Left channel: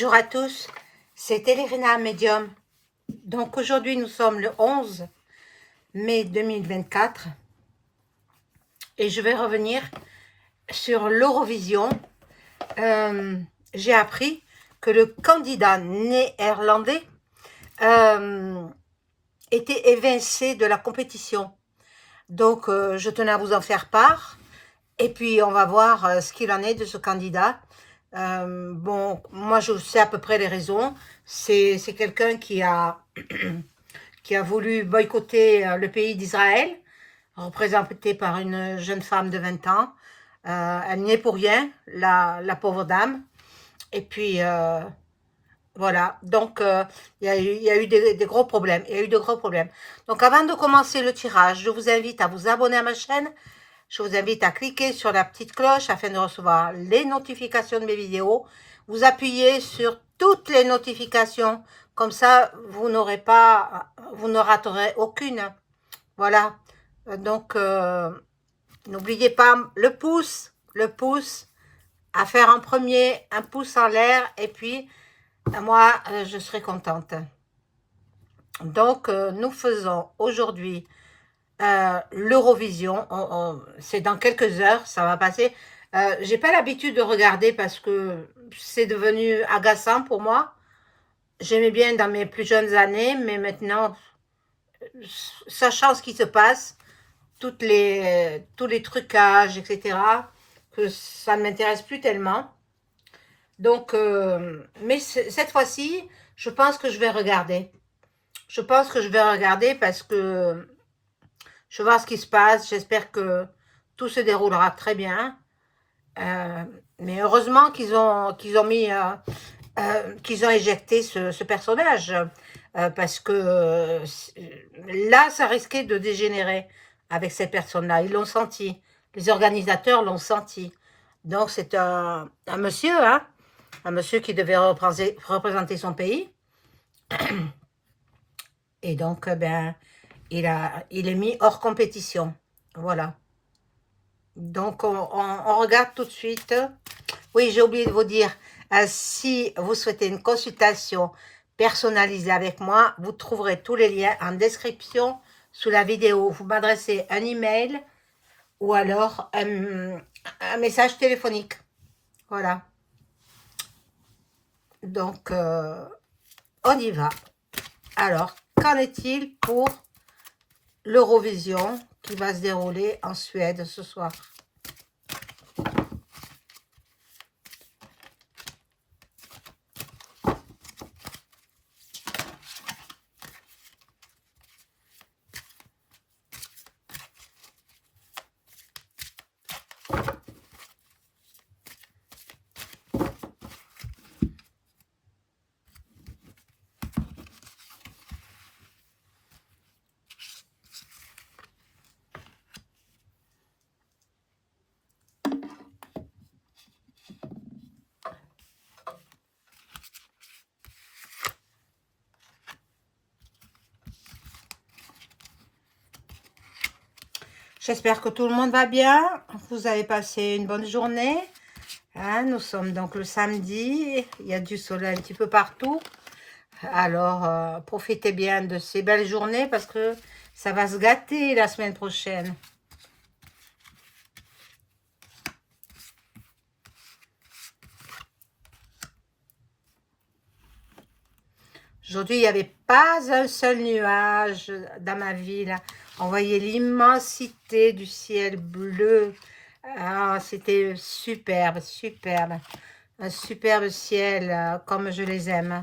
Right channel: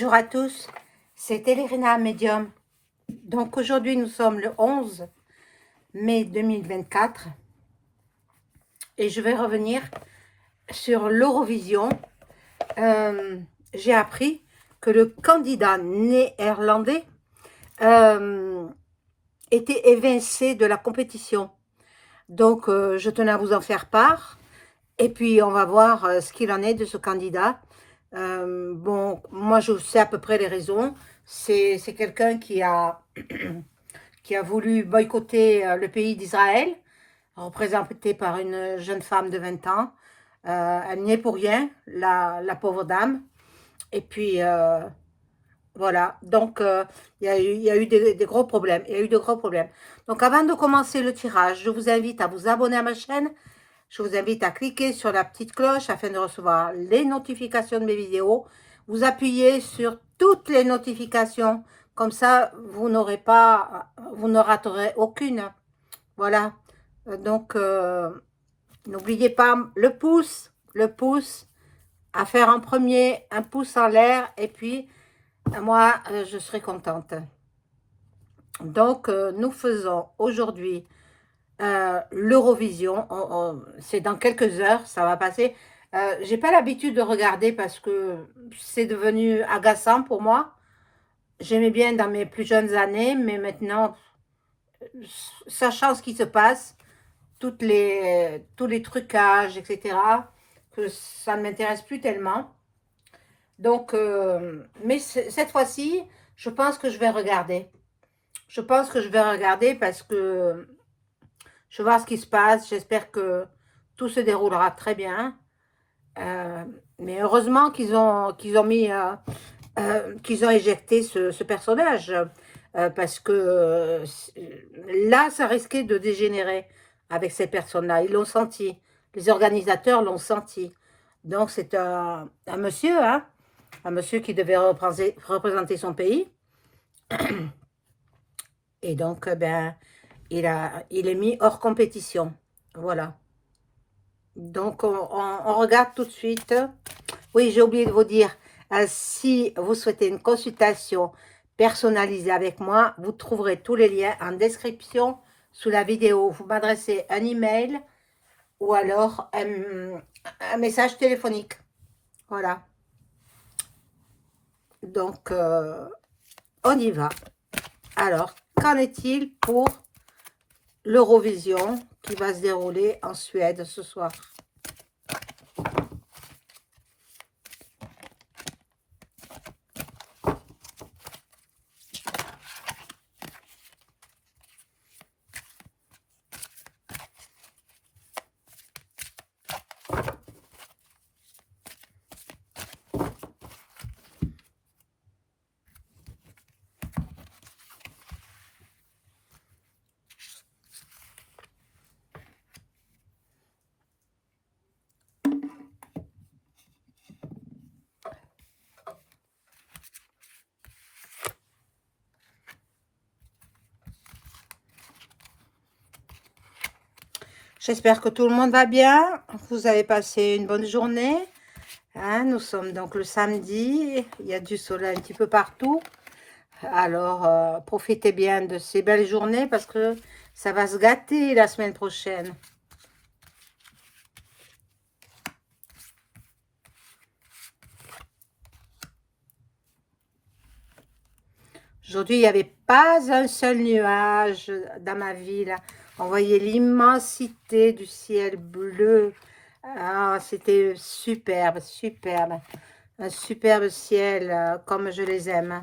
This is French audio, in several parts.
Bonjour à tous, c'est Elena Medium. Donc aujourd'hui nous sommes le 11 mai 2024 et je vais revenir sur l'Eurovision. J'ai appris que le candidat néerlandais était évincé de la compétition. Donc je tenais à vous en faire part et puis on va voir ce qu'il en est de ce candidat. Bon, moi je sais à peu près les raisons. C'est quelqu'un qui a voulu boycotter le pays d'Israël, représenté par une jeune femme de 20 ans. Elle n'y est pour rien, la pauvre dame. Et puis, voilà. Donc, il y a eu des gros problèmes. Il y a eu de gros problèmes. Donc, avant de commencer le tirage, je vous invite à vous abonner à ma chaîne. Je vous invite à cliquer sur la petite cloche afin de recevoir les notifications de mes vidéos. Vous appuyez sur toutes les notifications. Comme ça, vous ne raterez aucune. Voilà. Donc, n'oubliez pas le pouce, à faire en premier, un pouce en l'air. Et puis, moi, je serai contente. Donc, nous faisons aujourd'hui l'Eurovision. C'est dans quelques heures, ça va passer. J'ai pas l'habitude de regarder parce que c'est devenu agaçant pour moi. J'aimais bien dans mes plus jeunes années, mais maintenant, sachant ce qui se passe, tous les trucages, etc., que ça ne m'intéresse plus tellement. Donc, mais cette fois-ci, je pense que je vais regarder. Je pense que je vais regarder parce que je vais voir ce qui se passe. J'espère que tout se déroulera très bien. Mais heureusement qu'ils ont éjecté ce personnage. Parce que là, ça risquait de dégénérer avec ces personnes-là. Ils l'ont senti. Les organisateurs l'ont senti. Donc, c'est un monsieur, hein, un monsieur qui devait représenter son pays. Et donc, ben, il est mis hors compétition. Voilà. Donc, on regarde tout de suite. Oui, j'ai oublié de vous dire, si vous souhaitez une consultation personnalisée avec moi, vous trouverez tous les liens en description sous la vidéo. Vous m'adressez un email ou alors un message téléphonique. Voilà. Donc, on y va. Alors, qu'en est-il pour l'Eurovision qui va se dérouler en Suède ce soir? J'espère que tout le monde va bien. Vous avez passé une bonne journée. Hein, nous sommes donc le samedi. Il y a du soleil un petit peu partout. Alors, profitez bien de ces belles journées parce que ça va se gâter la semaine prochaine. Aujourd'hui, il n'y avait pas un seul nuage dans ma ville. On voyait l'immensité du ciel bleu. Ah, c'était superbe, superbe. Un superbe ciel comme je les aime.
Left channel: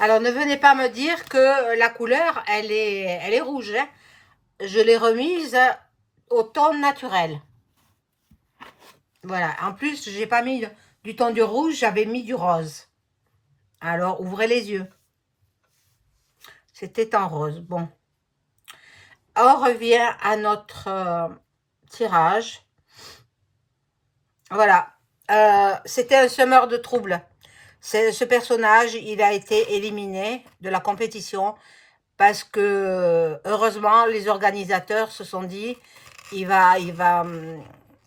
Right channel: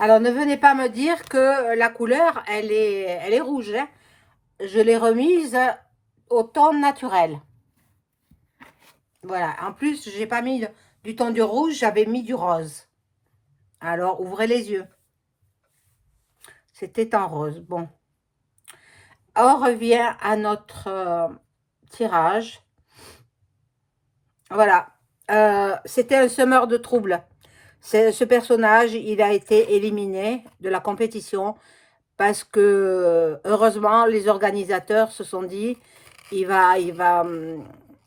Alors, ne venez pas me dire que la couleur, elle est rouge. Hein. Je l'ai remise au ton naturel. Voilà. En plus, j'ai pas mis du ton du rouge, j'avais mis du rose. Alors, ouvrez les yeux. C'était en rose. Bon. On revient à notre tirage. Voilà. C'était un semeur de trouble. Ce personnage, il a été éliminé de la compétition parce que, heureusement, les organisateurs se sont dit, il va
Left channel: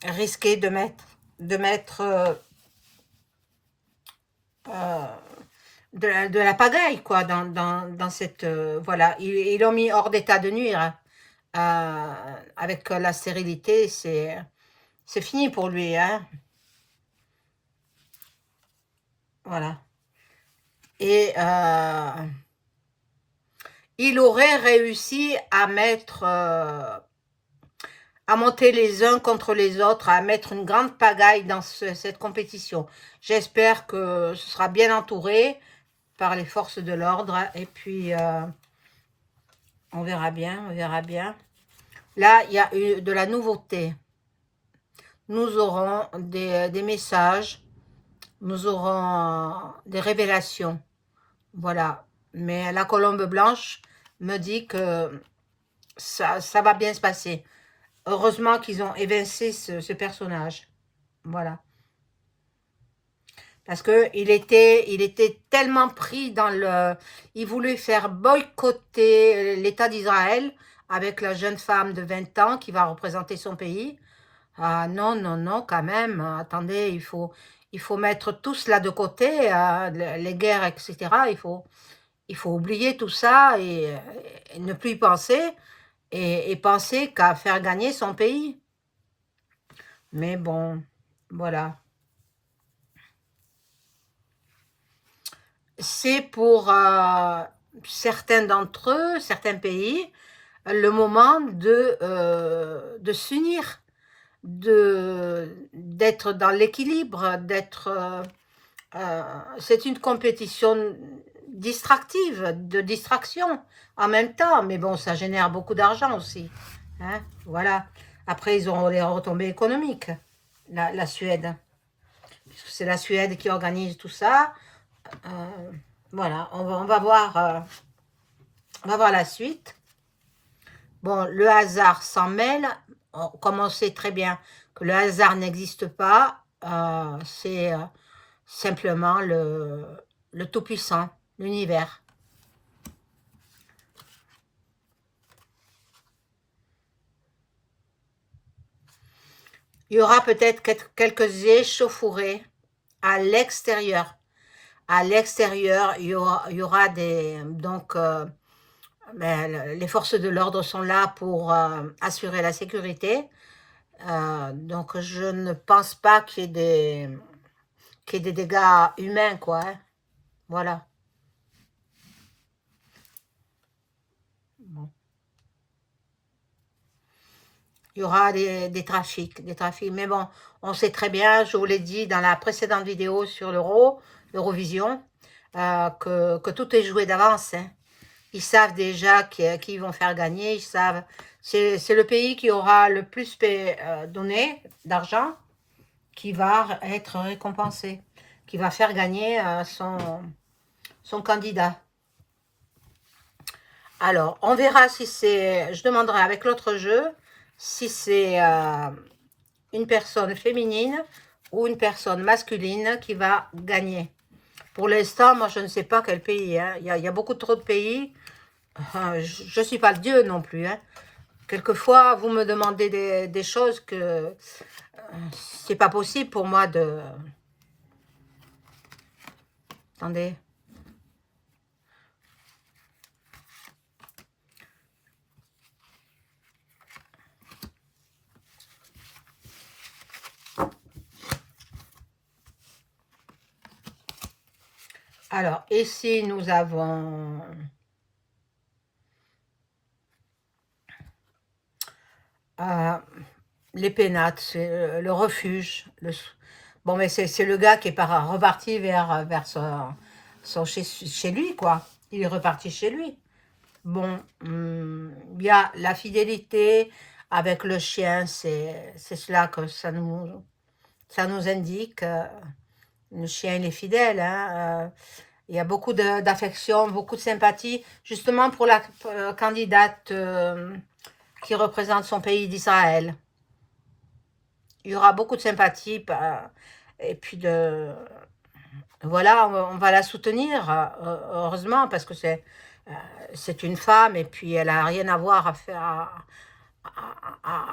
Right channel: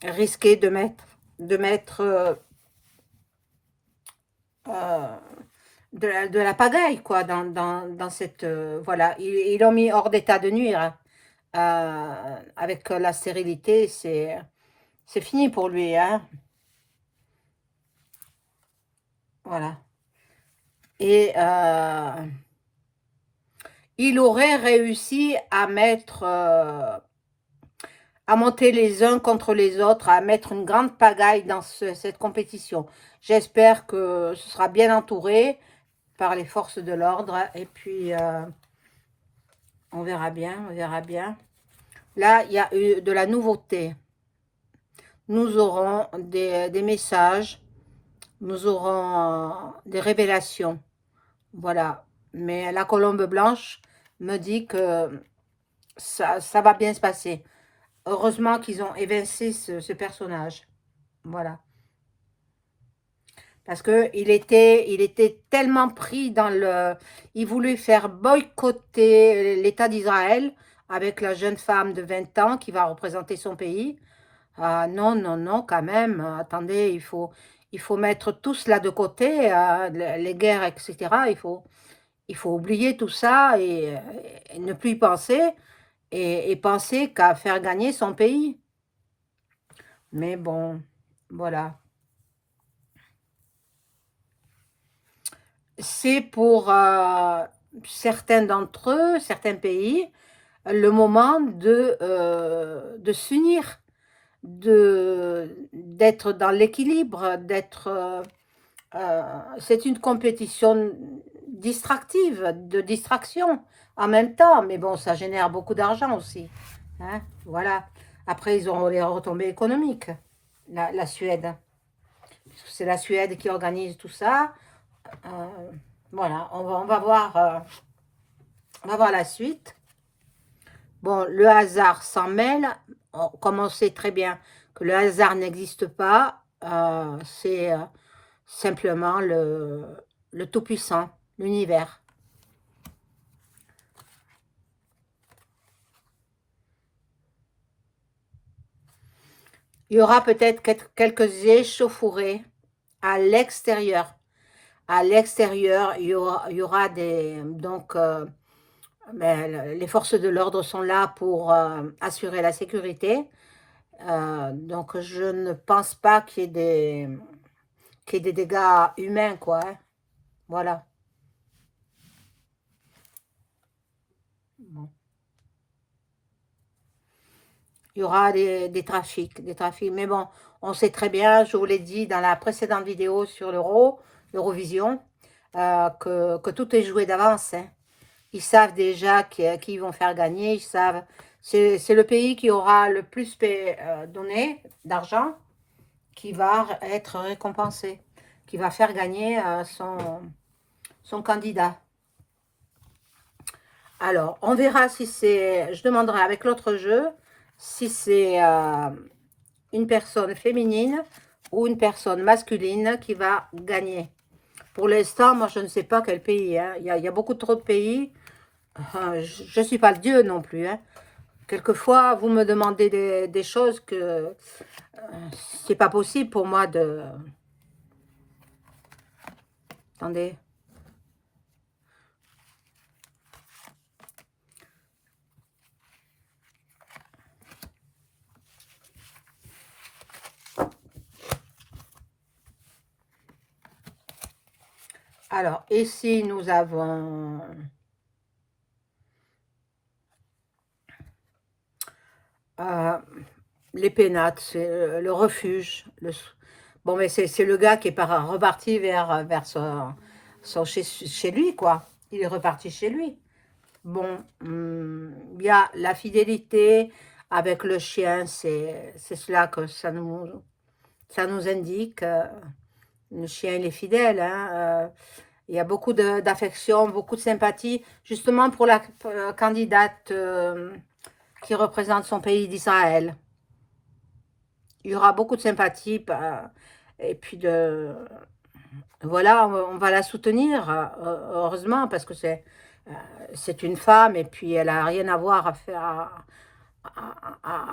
risquer de mettre euh, de la pagaille, quoi, dans cette... voilà, ils l'ont mis hors d'état de nuire, hein. Avec la stérilité, c'est fini pour lui, hein. Voilà. Et il aurait réussi à monter les uns contre les autres, à mettre une grande pagaille dans cette compétition. J'espère que ce sera bien entouré par les forces de l'ordre. Et puis, on verra bien, on verra bien. Là, il y a eu de la nouveauté. Nous aurons des messages, nous aurons des révélations. Voilà. Mais la colombe blanche me dit que ça va bien se passer. Heureusement qu'ils ont évincé ce personnage. Voilà. Parce il était tellement pris dans le... Il voulait faire boycotter l'État d'Israël avec la jeune femme de 20 ans qui va représenter son pays. Ah, non, non, non, quand même. Attendez, il faut mettre tout cela de côté, les guerres, etc. Il faut oublier tout ça et ne plus y penser et penser qu'à faire gagner son pays. Mais bon, voilà. C'est pour certains d'entre eux, certains pays, le moment de s'unir, d'être dans l'équilibre, c'est une compétition distractive, de distraction en même temps, mais bon, ça génère beaucoup d'argent aussi, hein, voilà. Après, ils auront les retombées économiques, la Suède. C'est la Suède qui organise tout ça. Euh, voilà, on va voir la suite. Bon, le hasard s'en mêle. Comme on sait très bien que le hasard n'existe pas, c'est simplement le Tout-Puissant, l'univers. Il y aura peut-être quelques échauffourées à l'extérieur. À l'extérieur, il y aura donc, les forces de l'ordre sont là pour assurer la sécurité. Donc, je ne pense pas qu'il y ait des dégâts humains, quoi, hein. Voilà. Bon. Il y aura des trafics. Mais bon, on sait très bien, je vous l'ai dit dans la précédente vidéo sur l'Eurovision, que tout est joué d'avance, hein. Ils savent déjà qui ils vont faire gagner. Ils savent. C'est le pays qui aura le plus donné d'argent qui va être récompensé, qui va faire gagner son candidat. Alors, on verra si c'est... Je demanderai avec l'autre jeu si c'est une personne féminine ou une personne masculine qui va gagner. Pour l'instant, moi, je ne sais pas quel pays, hein. Il y a beaucoup trop de pays. Je ne suis pas le dieu non plus, hein. Quelquefois, vous me demandez des choses que c'est pas possible pour moi de... Attendez. Alors, ici, nous avons... euh, les pénates, c'est le refuge. Bon, mais c'est le gars qui est reparti vers chez lui, quoi. Il est reparti chez lui. Bon, il y a la fidélité avec le chien, c'est cela que ça nous indique. Le chien, il est fidèle, hein. Il y a beaucoup d'affection, beaucoup de sympathie, justement pour la candidate qui représente son pays d'Israël. Il y aura beaucoup de sympathie et puis Voilà, on va la soutenir, heureusement, parce que c'est une femme et puis elle a rien à voir à faire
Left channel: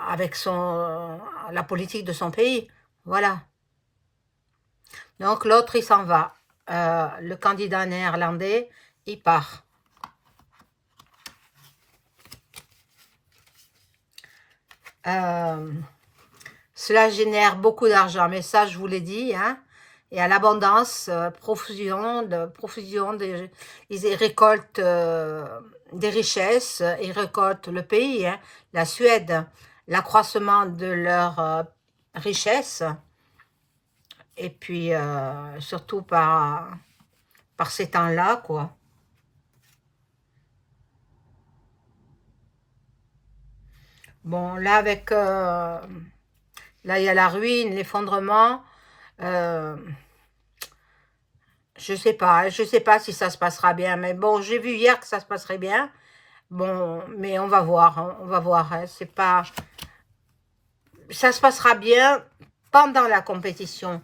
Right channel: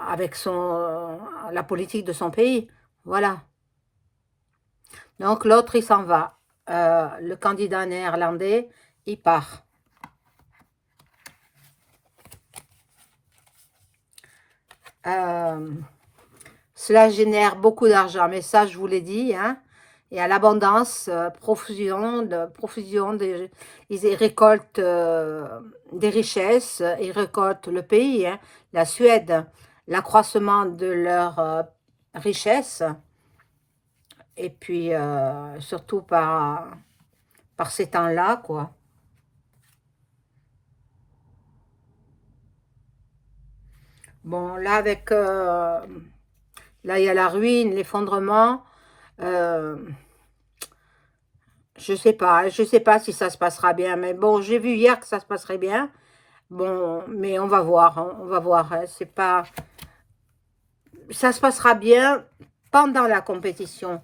avec la politique de son pays. Voilà. Donc l'autre, il s'en va. Le candidat néerlandais, il part. Euh, Cela génère beaucoup d'argent, mais ça, je vous l'ai dit, hein. Il y a l'abondance, profusion ils récoltent des richesses, ils récoltent le pays, hein, la Suède, l'accroissement de leur richesse, et puis surtout par ces temps-là, quoi. Bon, là, là, il y a la ruine, l'effondrement. euh, je sais pas si ça se passera bien, mais bon, j'ai vu hier que ça se passerait bien. Bon, mais on va voir, hein, on va voir, hein. C'est pas, ça se passera bien pendant la compétition,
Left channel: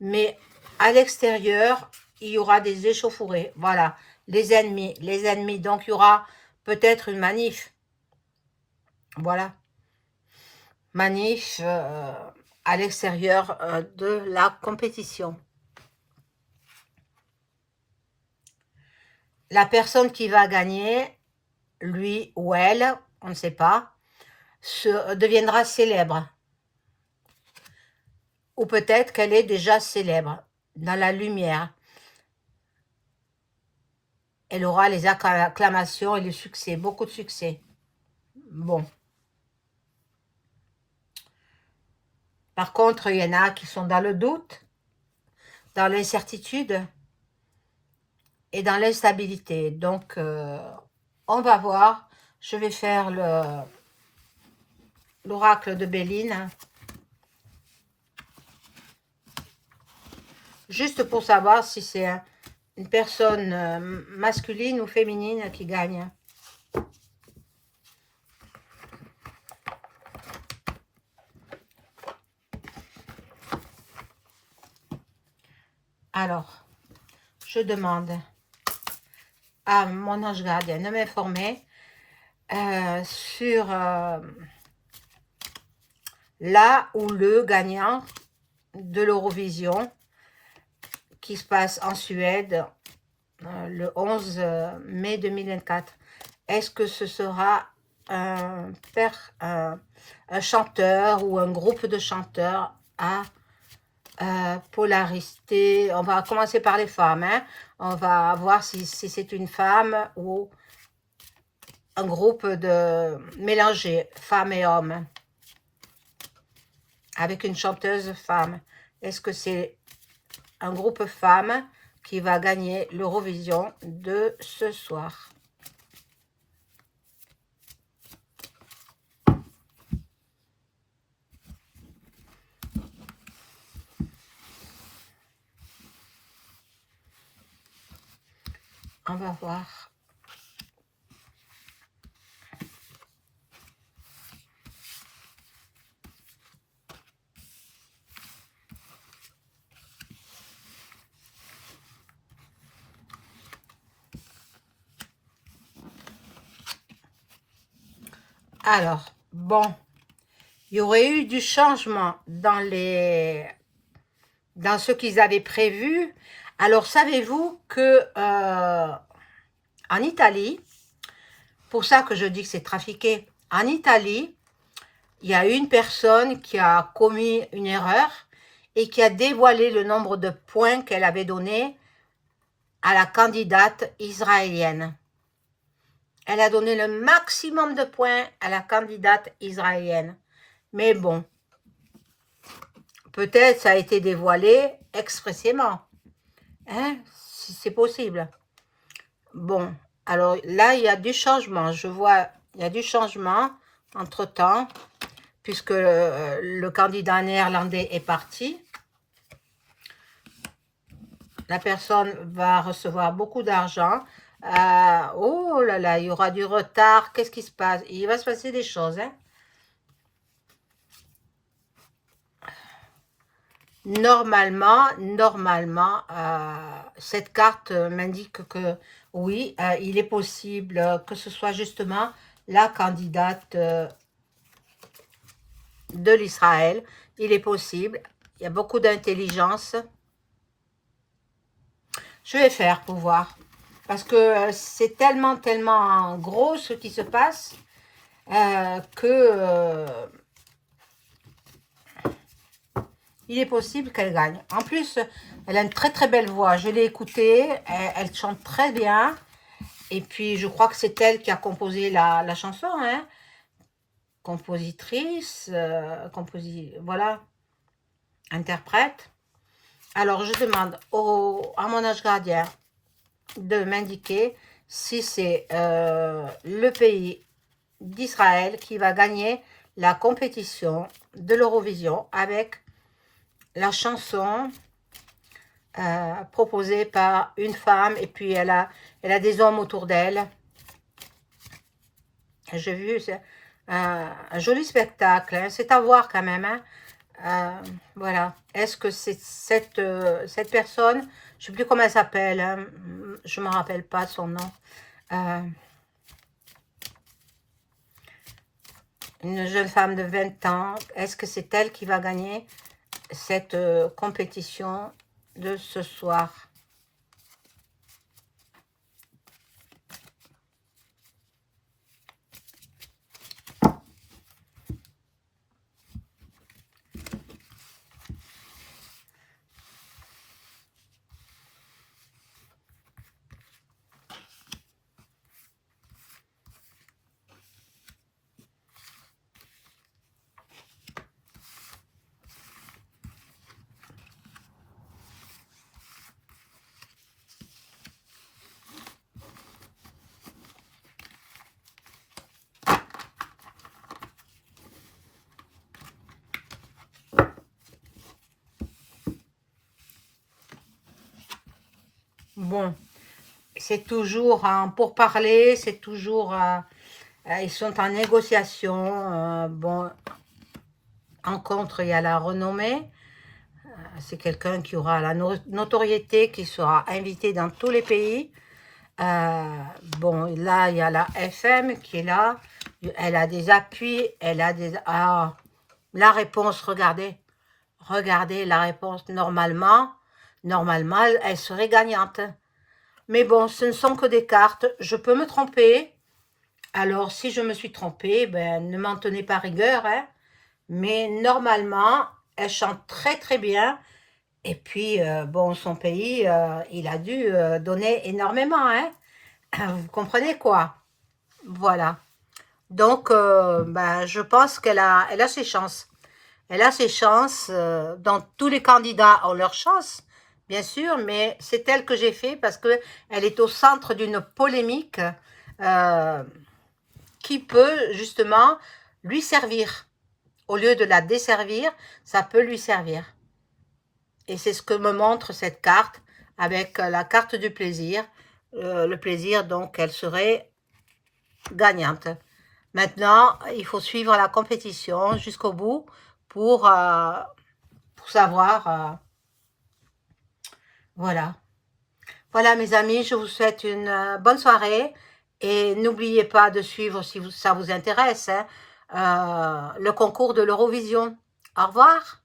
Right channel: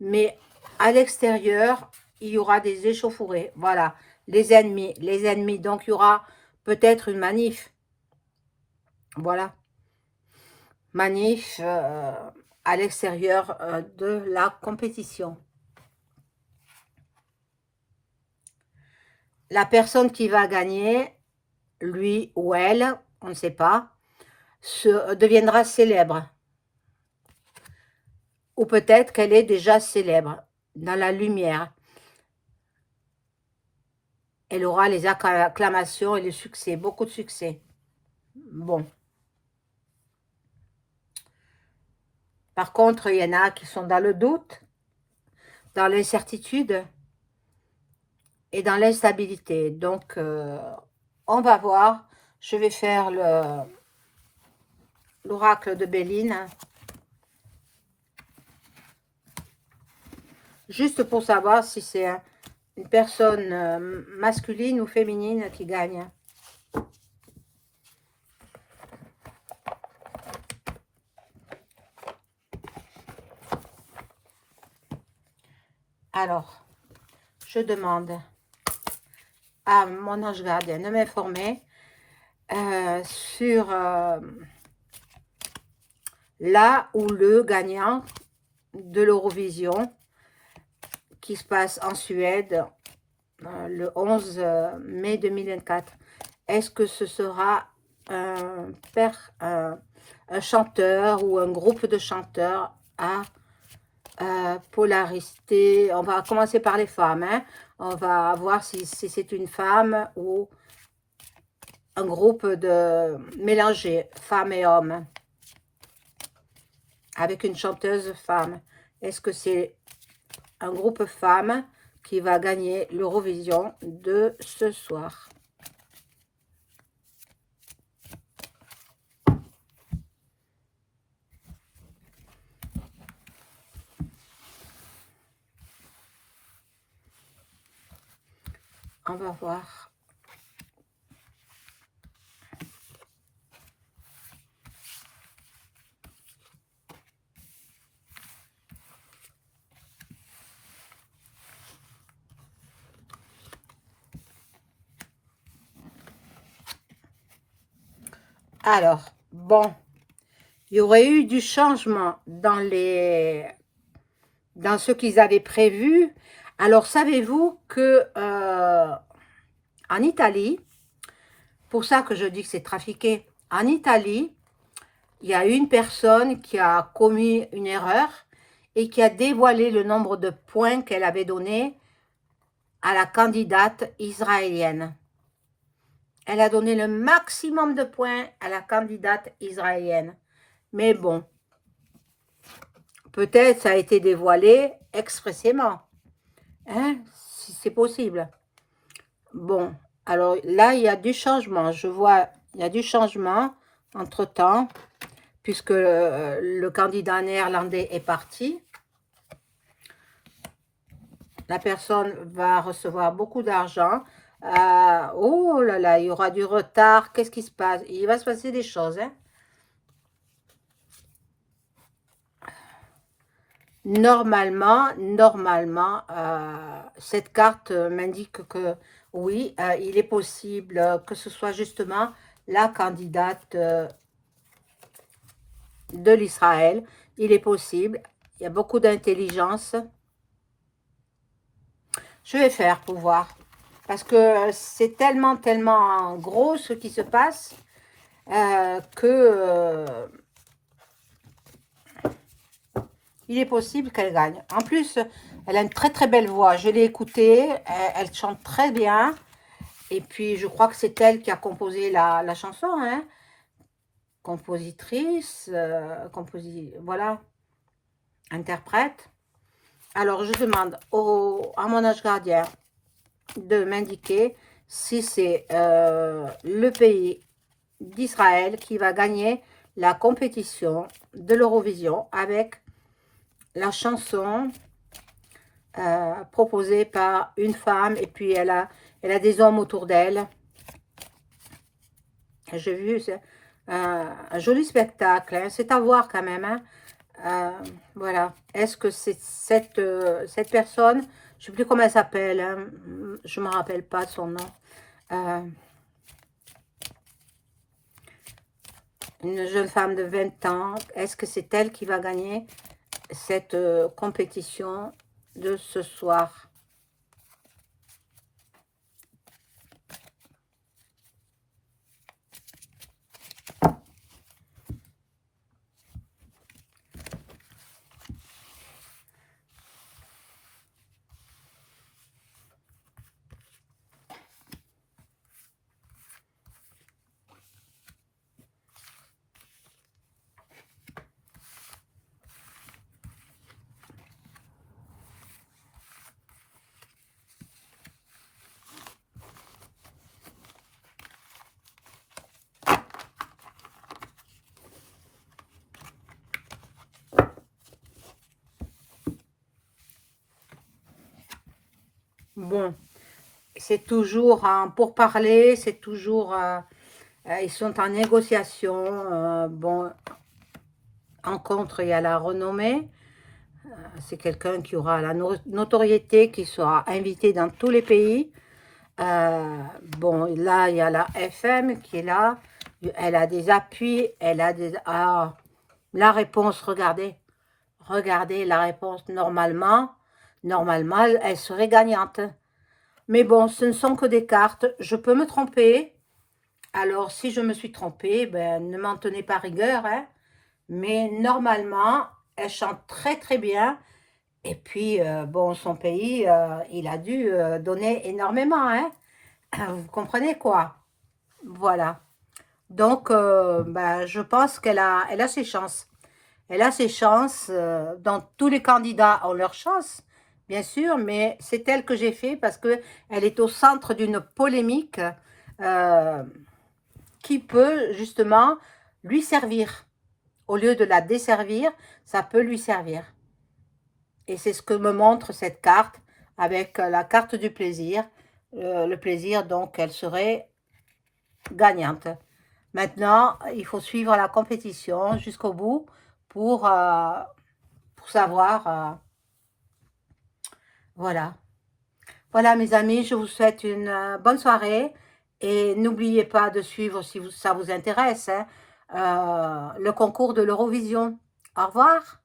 mais à l'extérieur, il y aura des échauffourées. Voilà, les ennemis. Donc il y aura peut-être une manif. Voilà, manif à l'extérieur de la compétition. La personne qui va gagner, lui ou elle, on ne sait pas, deviendra célèbre. Ou peut-être qu'elle est déjà célèbre dans la lumière. Elle aura les acclamations et le succès, beaucoup de succès. Bon. Par contre, il y en a qui sont dans le doute, dans l'incertitude et dans l'instabilité. Donc, on va voir. Je vais faire l'oracle de Béline, juste pour savoir si c'est une personne masculine ou féminine qui gagne. Alors, je demande à mon ange gardien de m'informer sur là où le gagnant de l'Eurovision qui se passe en Suède le 11 mai 2024. Est-ce que ce sera un chanteur ou un groupe de chanteurs à polarité? On va commencer par les femmes, hein. On va voir si c'est une femme ou un groupe de mélangé, femmes et hommes, avec une chanteuse femme. Est-ce que c'est un groupe femme qui va gagner l'Eurovision de ce soir? On va voir. Alors, bon, il y aurait eu du changement dans ce qu'ils avaient prévu. Alors, savez-vous que en Italie, pour ça que je dis que c'est trafiqué, en Italie, il y a une personne qui a commis une erreur et qui a dévoilé le nombre de points qu'elle avait donné à la candidate israélienne. Elle a donné le maximum de points à la candidate israélienne. Mais bon, peut-être ça a été dévoilé expressément. Hein? Si c'est possible. Bon, alors là, il y a du changement. Je vois, il y a du changement entre-temps, puisque le candidat néerlandais est parti. La personne va recevoir beaucoup d'argent. Oh là là, il y aura du retard. Qu'est-ce qui se passe? Il va se passer des choses, hein? Cette carte m'indique que oui, il est possible que ce soit justement la candidate de l'Israël. Il est possible. Il y a beaucoup d'intelligence. Je vais faire pour voir. Parce que c'est tellement, tellement gros ce qui se passe que il est possible qu'elle gagne. En plus, elle a une très très belle voix. Je l'ai écoutée, elle chante très bien. Et puis, je crois que c'est elle qui a composé la chanson, hein. Compositrice, voilà, interprète. Alors, je demande à mon ange gardien de m'indiquer si c'est le pays d'Israël qui va gagner la compétition de l'Eurovision avec la chanson proposée par une femme et puis elle a des hommes autour d'elle. J'ai vu un joli spectacle, hein. C'est à voir quand même, hein. Voilà. Est-ce que c'est cette personne, je ne sais plus comment elle s'appelle, hein, je ne me rappelle pas son nom, une jeune femme de 20 ans, est-ce que c'est elle qui va gagner cette compétition de ce soir? Bon, c'est toujours pour parler, c'est toujours, ils sont en négociation. Bon, en contre, il y a la renommée. C'est quelqu'un qui aura la notoriété, qui sera invité dans tous les pays. Bon, là, il y a la FM qui est là. Elle a des appuis, elle a des... Ah, la réponse, regardez. Regardez la réponse. Normalement, elle serait gagnante. Mais bon, ce ne sont que des cartes. Je peux me tromper. Alors, si je me suis trompée, ben, ne m'en tenez pas rigueur, hein. Mais normalement, elle chante très très bien. Et puis, bon, son pays, il a dû donner énormément, hein. Vous comprenez quoi? Voilà. Donc, ben, je pense elle a ses chances. Elle a ses chances. Dans tous les candidats ont leur chance, bien sûr, mais c'est elle que j'ai fait parce que elle est au centre d'une polémique euh, qui peut justement lui servir. Au lieu de la desservir, ça peut lui servir. Et c'est ce que me montre cette carte avec la carte du plaisir. Le plaisir, donc, elle serait gagnante. Maintenant, il faut suivre la compétition jusqu'au bout pour savoir. Voilà. Voilà, mes amis, je vous souhaite une bonne soirée. Et n'oubliez pas de suivre, si ça vous intéresse, hein, le concours de l'Eurovision. Au revoir.